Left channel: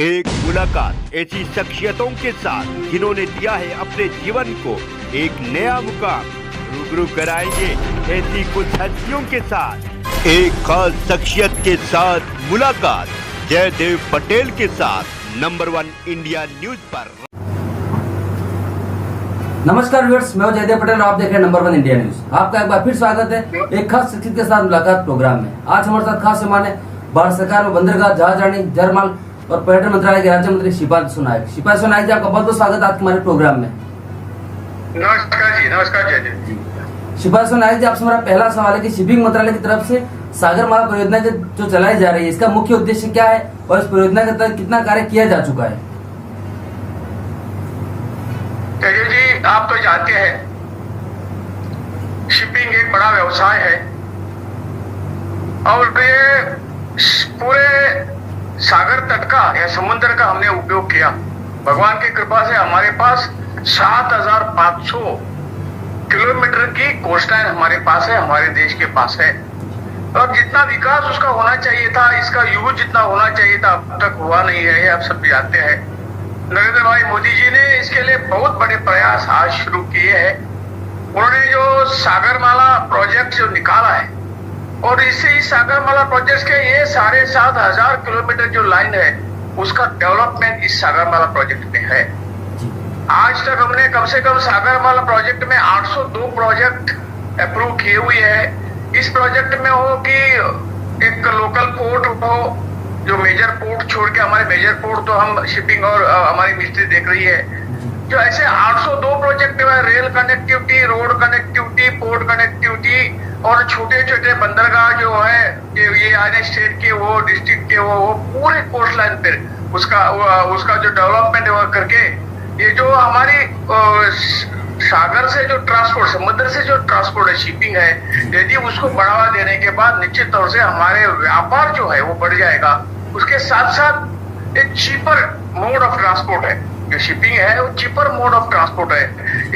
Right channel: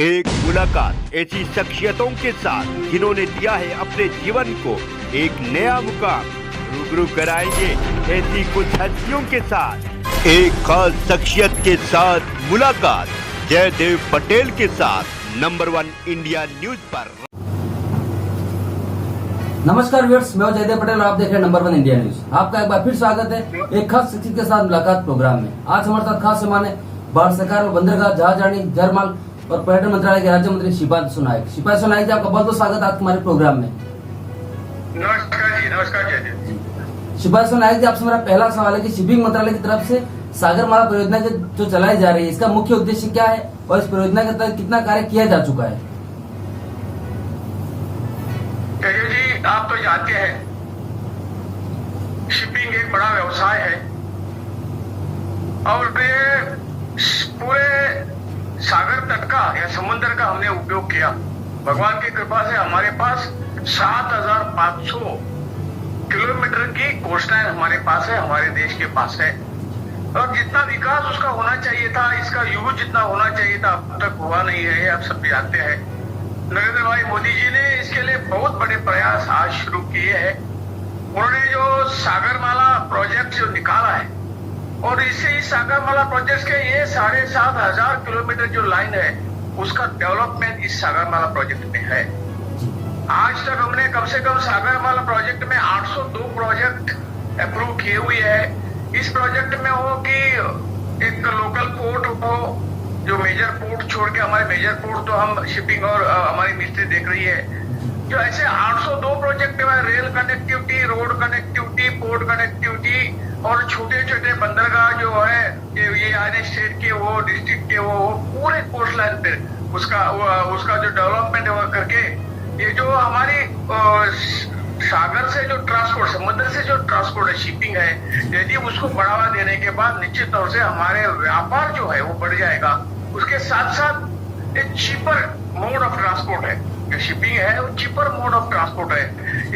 एक मुलाकात ऐसी शख्सियतों के साथ जिन्होंने दिया है अपने जीवन को एक नया मुकाम। रूबरू कराएंगे ऐसी कुछ हस्तियों के साथ एक खास शख्सियत के साथ मुलाकात जयदेव पटेल के साथ नंबर 1 इंडिया न्यूज पर। नमस्कार व्यूअर्स, मैं जयदेव पटेल और आप देख रहे हैं नंबर 1 इंडिया न्यूज। आपका एक बार फिर स्वागत है एक खास शख्सियत के साथ मुलाकात प्रोग्राम में। आज हमारे साथ खास मेहमान है भारत सरकार में बंदरगाह, जहाजरानी, जलमार्ग और पर्यटन मंत्रालय के राज्य मंत्री शिपांशु नायक। शिपांशु नायक जी, आपका बहुत बहुत स्वागत है आपके हमारे प्रोग्राम में। नमस्कार जी, नमस्कार जयदेव जी। शिपांशु नायक जी, आपसे मेरा पहला सवाल है कि शिपिंग मंत्रालय की तरफ से सागरमाला परियोजना जो चलाई जा रही है, इसका मुख्य उद्देश्य क्या है और इस परियोजना के तहत कितना कार्य किया जा चुका है? जयदेव जी, आप तो जानते हैं शिपिंग एक बड़ा व्यवसाय है और ये पूरे सागर तट का या समुद्र का हमने उपयोग किया। भगवान की कृपा से हमारे पास 7,500 किलोमीटर की कोस्टलाइन हमारे पास है, हमारे देश के पास है। और जितना विकास उसका होना चाहिए था, इसका यूज जितना होना चाहिए था, अब तक हुआ नहीं है, आप सब जानते हैं। नरेंद्र भाई मोदी जी ने इसके लिए बहुत बड़े प्रयास आज शुरू किए हैं। उन्होंने जो सागरमाला प्रोजेक्ट जो निकाला है और इससे इस सागरमाला प्रोजेक्ट के ये 7,500 किलोमीटर जो लाइन है उसका डेवलपमेंट इस सागरमाला प्रोजेक्ट में है। आज तक हमने कम से कम सागरमाला प्रोजेक्ट में 802 प्रोजेक्ट अप्रूव किए हुए हैं। इस प्रोजेक्ट में हो कि एक लोकल पोर्ट हो, जो मेजर पोर्ट छोड़ के हमारे मेजर पोर्ट तो हम शिपिंग और हमारी मिनिस्ट्री देख रही है, जो ऐसे 802 प्रोजेक्ट है, rail connectivity, road connectivity, port connectivity और छोटे छोटे बंदरगाह जो है ये आने स्टेट के हो, डिस्ट्रिक्ट के हो, पूरे कोस्ट लाइन पे उसका जो डेवलपमेंट करके ये जो हमारी सागर से जो ट्रांसपोर्ट, समुद्र से जो ट्रांसपोर्ट है, शिपिंग है, यदि उसको बढ़ावा देने के बाद निश्चित तौर से हमारे व्यापार जो है वो बढ़ जाएगा। उसके साथ साथ एक चीपर मोड ऑफ ट्रांसपोर्ट है, जो शिपिंग है वो चीपर मोड ऑफ ट्रांसपोर्ट है।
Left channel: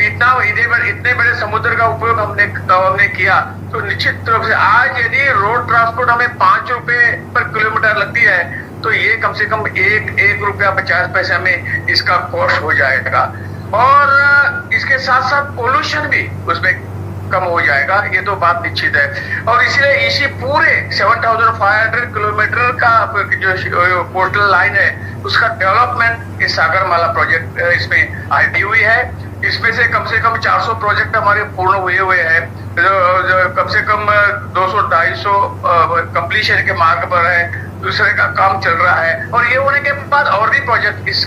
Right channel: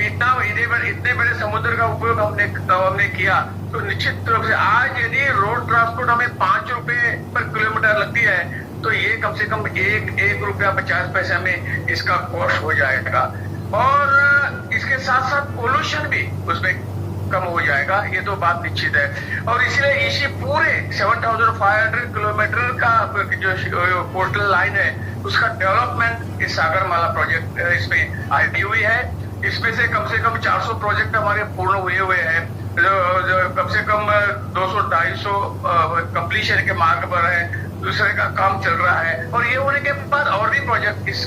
इतने बड़े समुद्र का उपयोग हमने किया तो निश्चित रूप से आज यदि रोड ट्रांसपोर्ट हमें 5 रुपए पर किलोमीटर लगती है तो ये कम से कम एक रुपया 50 पैसे में इसका कॉस्ट हो जाएगा। और इसके साथ साथ पोल्यूशन भी उसमें कम हो जाएगा, ये तो बात निश्चित है। और इसलिए इसी पूरे 7,500 किलोमीटर का जो पोर्टल लाइन है उसका डेवलपमेंट इस सागरमाला प्रोजेक्ट इसमें आई हुई है। इसमें से कम 400 प्रोजेक्ट हमारे पूर्ण हुए हैं, जो कम से कम 200-250 कंप्लीशन के मार्ग पर है, दूसरे का काम चल रहा है। और ये होने के बाद और भी प्रोजेक्ट इस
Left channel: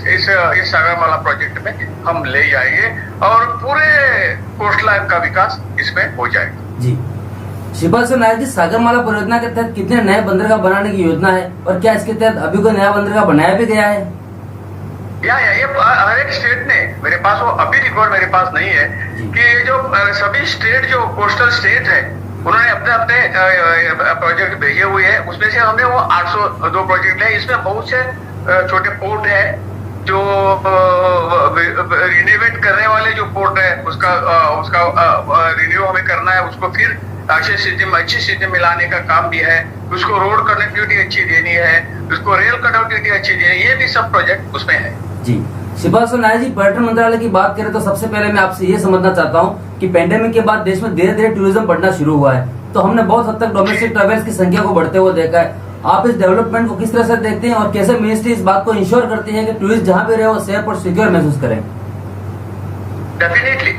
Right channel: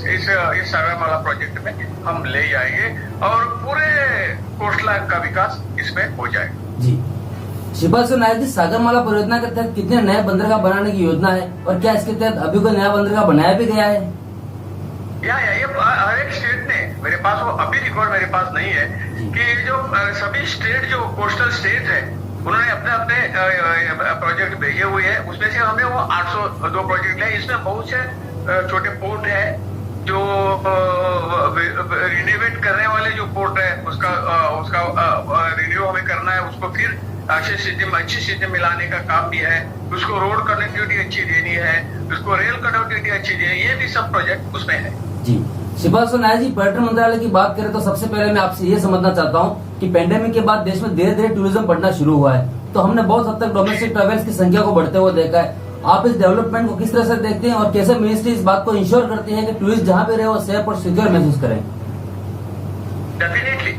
सागरमाला प्रोजेक्ट में हम ले जाएंगे और पूरे कोस्ट लाइन का विकास इसमें हो जाएगा। जी, शिपांशु नायक जी, सागरमाला परियोजना के तहत कितने नए बंदरगाह बनाने की योजना है और क्या इसके तहत अभी कोई नया बंदरगाह बनाया भी गया है? ये हर एक स्टेट ने, मेरे पास वो अभी रिकॉर्ड मेरे पास नहीं है कि ये जो सभी स्टेट जो कोस्टल स्टेट है उन्होंने अपने प्रोजेक्ट भेजे हुए हैं। उसमें से हमने वो 802 प्रोजेक्ट है। इसमें बहुत से छोटे पोर्ट है जो रिनोवेट करने वाले जो पोर्ट है उसका रिन्यू हमें करना है, उसको फिर अच्छी स्थिति में लाने का काम भी है। उसको रोड कनेक्टिविटी अच्छी देनी है, उसको रेल कनेक्टिविटी अच्छी देनी है, ये भी सब प्रोजेक्ट उसमें है। जी, शिपांशु नायक जी, पर्यटन मंत्रालय की बात करें तो सबसे पहले मैं आपसे ये समझना चाहता हूँ कि पेंडेमिक के बाद देश में धीरे धीरे टूरिज्म बढ़ना शुरू हुआ है, तो हमने बहुत हद तक डोमेस्टिक ट्रेवल्स की संख्या को बढ़ते हुए देखा है। आप इस डेवलपमेंट को किस तरह से देखते हैं और कैसे मिनिस्ट्री इस बात को इंश्योर करती है कि टूरिस्ट जहाँ भी रहे वो सेफ और सिक्योर महसूस करें? डेफिनेटली,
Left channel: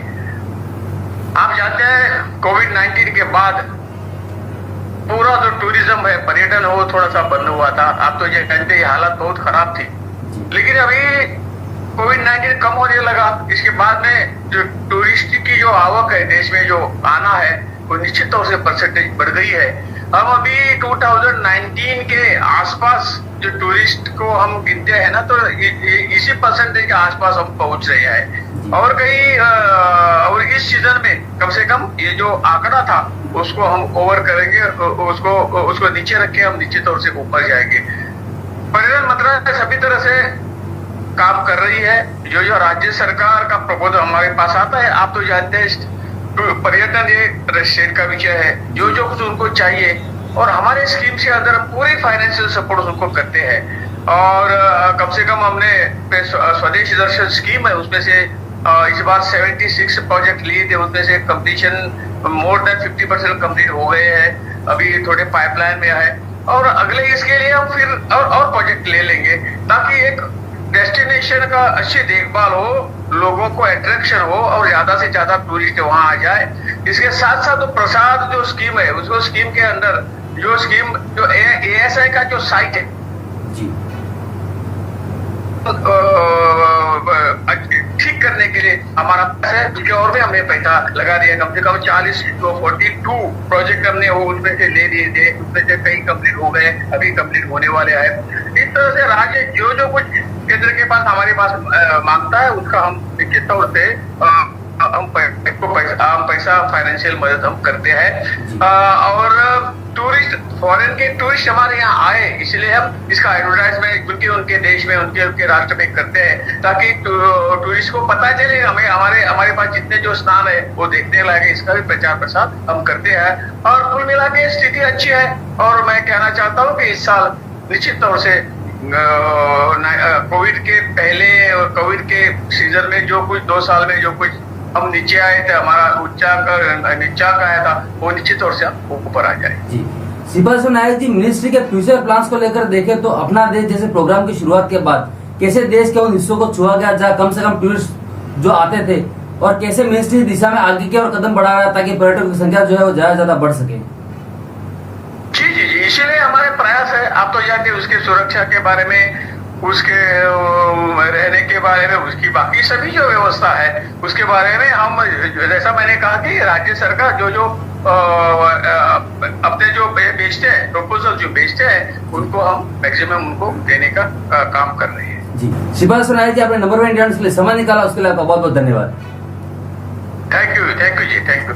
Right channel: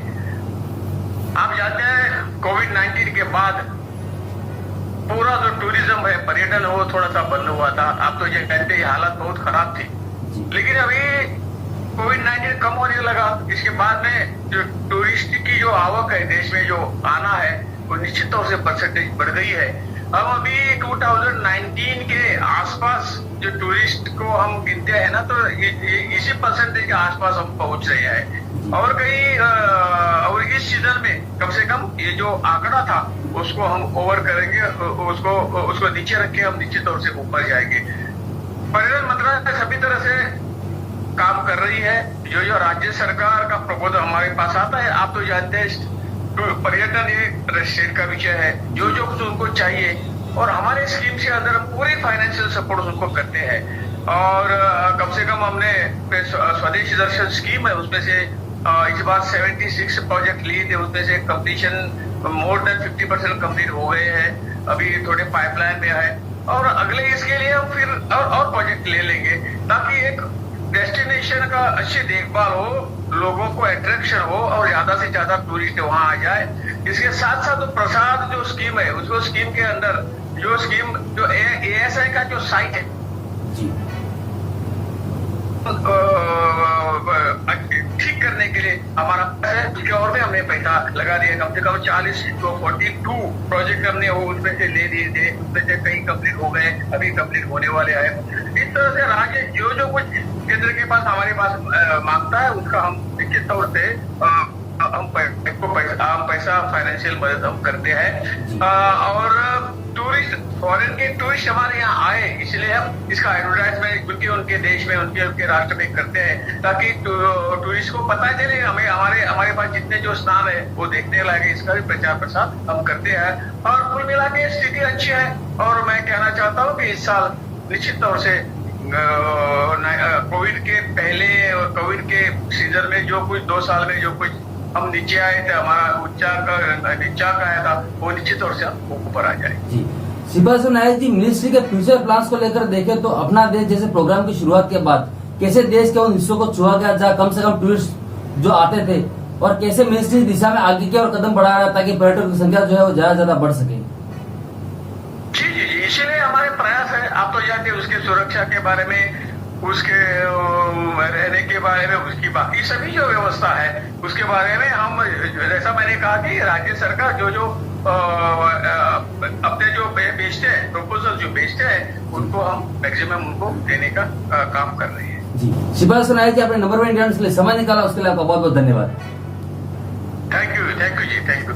आप जानते हैं कोविड-19 के बाद पूरा जो टूरिज्म है, पर्यटन हो, थोड़ा सा बंद हुआ था। आप तो ये जानते हैं हालत बहुत खराब थी, लेकिन अभी कोविड-19 कम होने लगा। इसके बाद में जो टूरिस्ट की जो आवक है देश में, जो आना है, वो निश्चित तौर से परसेंटेज बढ़ गई है। हम अभी 2019 के आसपास जो टूरिस्ट को हम गिनते हैं ना, तो इसी परसेंटेज के आसपास हम पहुंच रहे हैं। और और इस सीजन में कम से कम ये जो आंकड़ा था उसको हम ओवर करेंगे, उसको नीचे रख के हम निश्चित तौर से ऊपर जाएंगे। पर्यटन मंत्रालय सभी तरह से काम कर रही है। जो राज्य सरकार का प्रपोजल हमारे पास आता है, आप तो जानते हैं पर्यटन एक स्टेट का विषय है, जो कुछ उनको चाहिए और हमारे स्कीम के अंदर पूरी फाइनेंशियल सपोर्ट उनको करते हैं। और कम से कम हमने स्वदेश दर्शन स्कीम है उसमें से इस बार 76 प्रोजेक्ट लिए थे, उसमें से कंप्लीशन मोर देन 50% कंप्लीट हो गए हैं, अभी थोड़े पाइपलाइन में है और अगले इसके लिए हम फिर और प्रोजेक्ट ले लेंगे ताकि एक डेस्टिनेशन का अच्छी देखभाल हो, लोगों को अट्रैक्शन हो और ज्यादा से ज्यादा टूरिस्ट वहां आ जाए। इसके साथ साथ तो प्रसाद जो स्कीम है उसको स्कीम के अंदर जो ASI का जो साइट है जी ठीक करने के लिए हमारा पैसा है, क्योंकि और भी हमने पैसा लगा दिया, कम से कम 42 प्रोजेक्ट हमने वो उनमें से ले दिए थे, उसमें से कई कंप्लीट हो गए, अभी कंप्लीट होने वाले हैं। इस तरह से राज्य जो कुछ केंद्र के पास हमारे पास मांगता है उसका हम निश्चित तौर से हम पैसा फाइनेंशियल मदद हम करते हैं और टूरिस्ट फॉरेन के टूरिस्ट हमारे यहाँ आए इसलिए हम इसका एडवर्टाइजमेंट क्योंकि उनके देश में उनके राष्ट्र में करते हैं ताकि टूरिस्ट को पता चले हमें हमारे पास जितने जो स्थान है वो देखने लगे, इसका भी प्रचार प्रसार हम करते हैं और कुल मिला के स्थिति अच्छी है। और मैं कहना चाहता हूँ कि इस साल निश्चित तौर से कोविड के पहले कोविड के सीजन में जो कुछ 2 साल में जो कुछ हम नीचे आए थे, हमारा उच्चांक आया था वो निश्चित तौर से ऊपर आ जाए। जी श्रीपाद नायक जी, मिनिस्ट्री के फ्यूचर प्लान्स को लेकर देखें तो अपना देश जैसे प्रोग्राम की शुरुआत के बाद कैसे देश के उन हिस्सों को छुआ गया जहाँ कम से कम टूरिस्ट जो आते थे और कैसे मिनिस्ट्री दिशा में आगे की और कदम बढ़ा रहा है ताकि पर्यटकों की संख्या जो है वो ज्यादा बढ़ सके। जी इसीलिए हमारे प्रयास है। आप तो जानते उसके सुरक्षा के बारे में, उसके रहने के बारे में, उसकी बाकी सभी जो व्यवस्था है उसके बारे में हम जैसा मैंने कहा कि राज्य सरकार जो अपने जो बेचते हैं प्रपोजल जो बेचते हैं उनको हम मैक्सिमम उनको देने का काम कर रहे हैं। जी श्रीपाद नायक जी, आपने नंबर 1 इंडियन के लिए समय निकाला उसके लिए आपका बहुत बहुत धन्यवाद। थैंक यू जी, थैंक यू।